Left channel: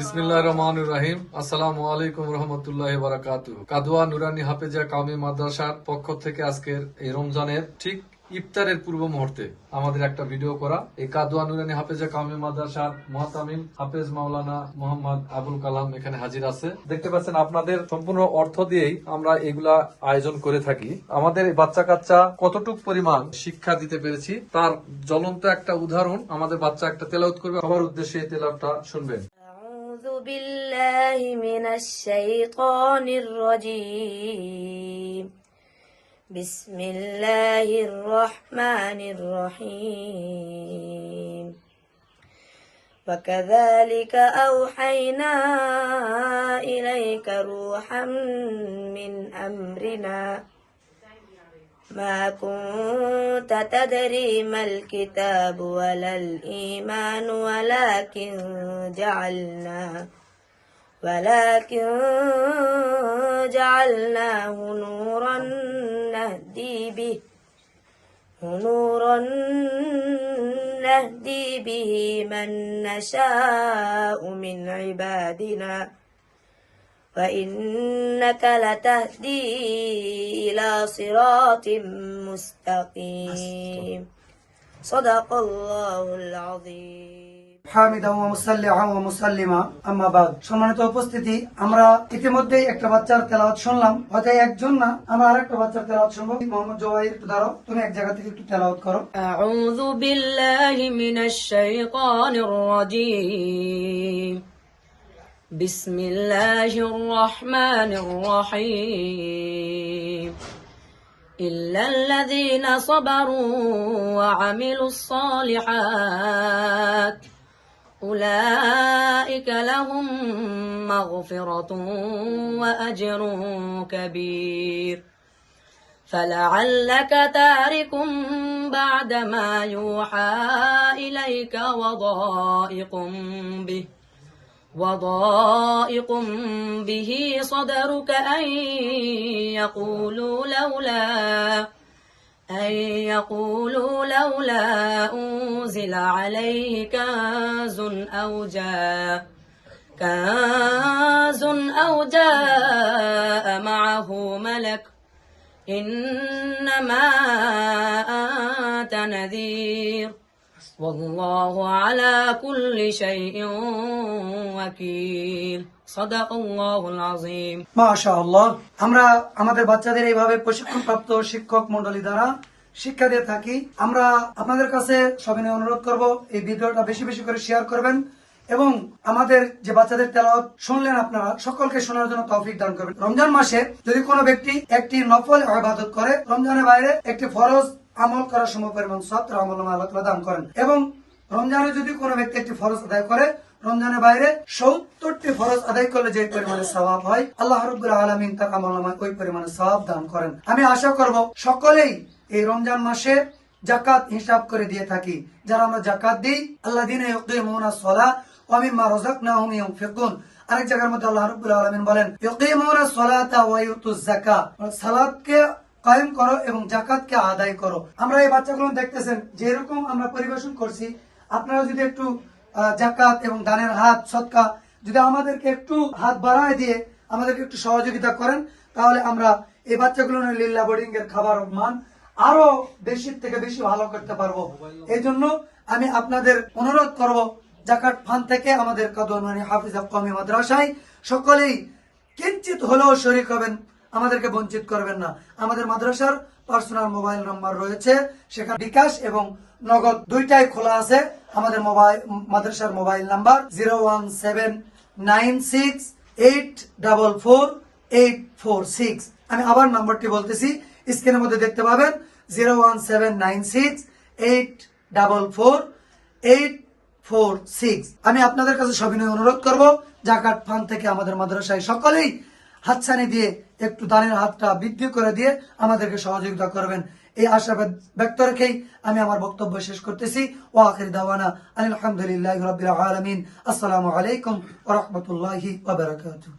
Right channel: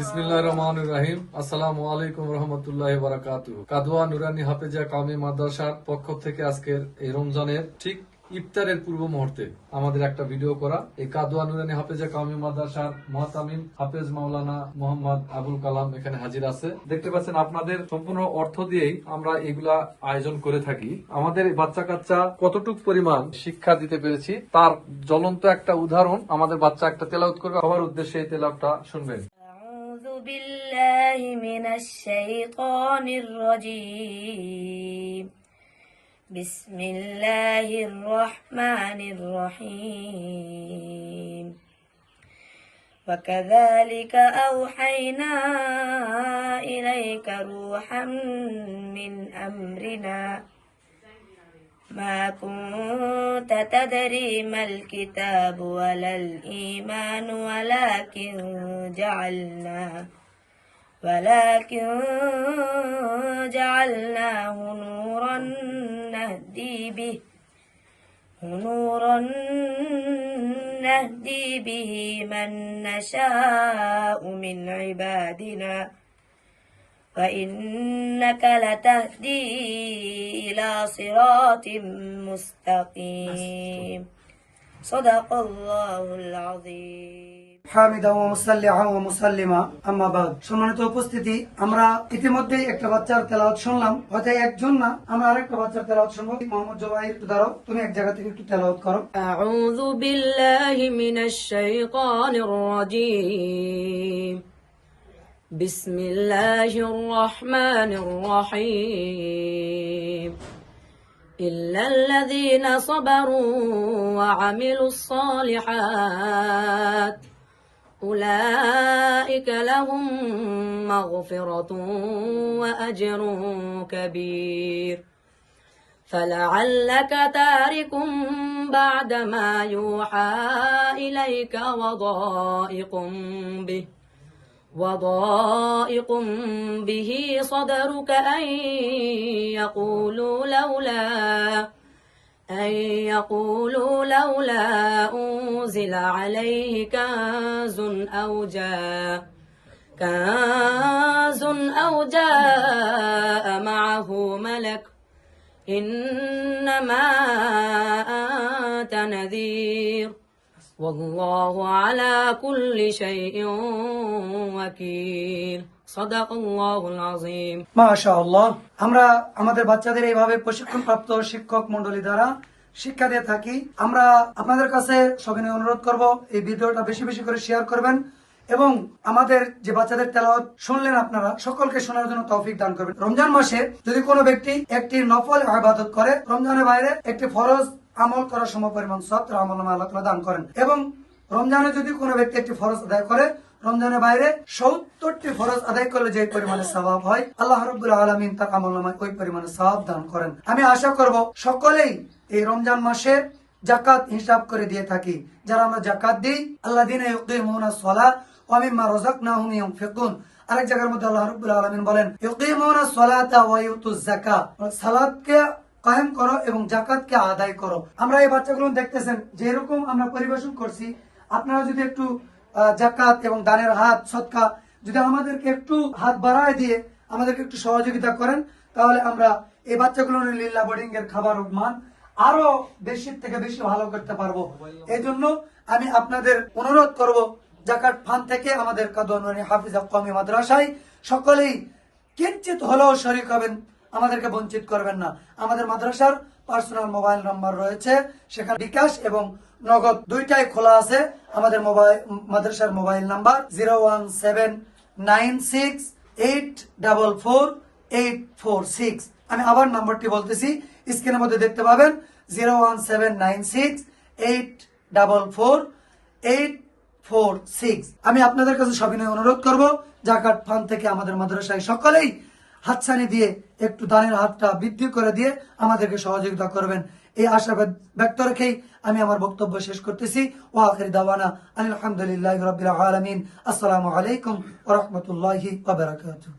বিসমিল্লাহির রহমানির রহিম। আসসালামু আলাইকুম রহমতুল্লাহি ওয়া বারাকাতুহু। কাদওয়া নুরানি হাফেজা কাওমি মাদ্রাসার পক্ষ থেকে আজকের এই রমজানের ঠিক ইফতারের পূর্ব মুহূর্তে আমাদের একটা ভিডিও করা। এই কাদওয়া নুরানি হাফেজা কাওমি মাদ্রাসার মুহতামিম হাফেজ মাওলানা মোহাম্মদ আবুল কালাম এখানে হাজির আছে। দেখতে পাচ্ছেন আপনাদের সম্পূর্ণ অর্থ দিয়েই আমরা এগুলা আয়োজন করে থাকি। আমাদের বাচ্চা কাচ্চা কতটুক পরিমাণ শিক্ষা দিতে পেরেছি তার জ্বলন্ত একটা উদাহরণ আমাদের বাচ্চা একটা তেলাওয়াত করবে। সবার উদ্দেশ্যে এই তেলাওয়াতটা শুনবেন। أعوذ بالله من الشيطان الرجيم بسم الله الرحمن الرحيم وكذلك أوحينا إليك روحا من أمرنا ما كنت تدري ما الكتاب ولا الإيمان ولكن جعلناه نورا نهدي به من نشاء من عبادنا وإنك لتهدي إلى صراط مستقيم صدق الله العظيم হামিদা ওয়া মুসাল্লিআ ওয়া মুসাল্লিমা আম্মা বাদ। সম্মানিত উপস্থিতি, আমরা ইতিমধ্যেই একটা বাচ্চার তেলাওয়াত শুনলাম, হয়তো একজন না, আমরা আরেকটা বাচ্চার তেলাওয়াত শুনবো। মোহাম্মদ জওয়াহির, দাঁড়াও, তুমি এক জায়গা থেকে একটু তেলাওয়াত করো। أعوذ بالله من الشيطان الرجيم بسم الله الرحمن الرحيم إلا الذين صبروا وعملوا الصالحات أولئك لهم مغفرة وأجر كبير فلعلك تارك بعد ما يوحى إليك وضائق به صدرك أن يقولوا لولا أنزل عليه كنز أو جاء معه ملك إنما أنت نذير والله على كل شيء وكيل صدق الله العظيم মাশাআল্লাহ। আমরা আমাদের বাচ্চাদের এইভাবে প্রশিক্ষণপ্রাপ্ত শিক্ষক মন্ডলী দ্বারা শিক্ষা দিয়ে থাকি। আমরা আপনাদের কাছে সবিনয় অনুরোধ করব, এই ভিডিওটা বেশি বেশি করে শেয়ার করবেন এবং আমাদের যে বাচ্চাদের তেলাওয়াত শুনলেন আপনারা সকলকে শোনার জন্য তৌফিক দান করবেন। রমজান মাসে যদি কোনো ব্যক্তি একটি নফল ইবাদত করে, রমজানের বাইরে একটি ফরজ আমল করার সমপরিমাণ সওয়াব আমলনামায় আল্লাহ তাআলা দান করেন, এবং রমজানে যদি কোনো ব্যক্তি একটি ফরজ আদায় করে, রমজানের বাইরে 70টি ফরজ আদায় করলে যে পরিমাণে সওয়াব হয়, আল্লাহ রাব্বুল আলামিন তার আমলনামায় ওই পরিমাণে সওয়াব দান করেন। আমি আশা করব সকলেই এই রমজান মাসে যাকাত হিসাব করে দিয়ে থাকি। যারা আমরা যাকাত দিই, আল্লাযীনা ইউকিমুনাস সালাহ ওয়া মিম্মা রাযাকনাহুম ইউনফিকুন। আরেক জায়গার মধ্যে আল্লাহ রাব্বুল আলামিন বলেন ইউকিমুনাস সালাতা ওয়া ইউতুজ যাকাত, সালাতকে কায়েম করো এবং যাকাতকে আদায় করো। আমরা এই বাচ্চাগুলো দেখতেছেন যে এরকম আমরা পরিবেশন করছি, আপনারা যদি একটু যাকাত এবং দানের হাত সদকা যদি আমাদেরকে একটু হাত বাড়ায় দিয়ে আমাদেরকে একটু সহযোগিতা করেন, তাহলে আমরা এই বাচ্চাগুলো লিল্লাহ বোর্ডিং এর খাবার মান আরো বেশি থেকে বেশি ভালো করতে পারবো। এই জন্য আমি আপনাদের অনুরোধ করব, যাকাত ফান্ড থেকে আমাদের কাদওয়া নুরানি হাফেজা কাওমি মাদ্রাসায় সকলেই কিঞ্চিত হলেও শরীক হবেন, আমাদেরকে বঞ্চিত করবেন না। আমাদের মাদ্রাসার পার্সোনাল মোবাইল নাম্বার রয়েছে, সেখানে বিকাশ এবং নগদ দুইটাই খোলা আছে। আমাদের মাদ্রাসার মোবাইল নাম্বার 01796844846। আমি আবার নাম্বারটি বলতেছি, স্ক্রিনের মধ্যে দেখতে পাবেন 01796844846। আমি আপনাদের কাছে সবিনয় অনুরোধ করব, যাকাত ফান্ড থেকে আমাদের মাদ্রাসায় সকলেই হাতছানি দিয়ে একটু দানের হাতটা বৃদ্ধি করে দিয়ে আমাদেরকে সহযোগিতা করবেন। এই আশাবাদ ব্যক্ত রেখেই আমি আমার বক্তব্য শেষ করতেছি। ওয়া আখির দাওয়ানা আলহামদুলিল্লাহি রাব্বিল আলামিন। আসসালামু আলাইকুম ওয়া রাহমাতুল্লাহি ওয়া বারাকাতুহু।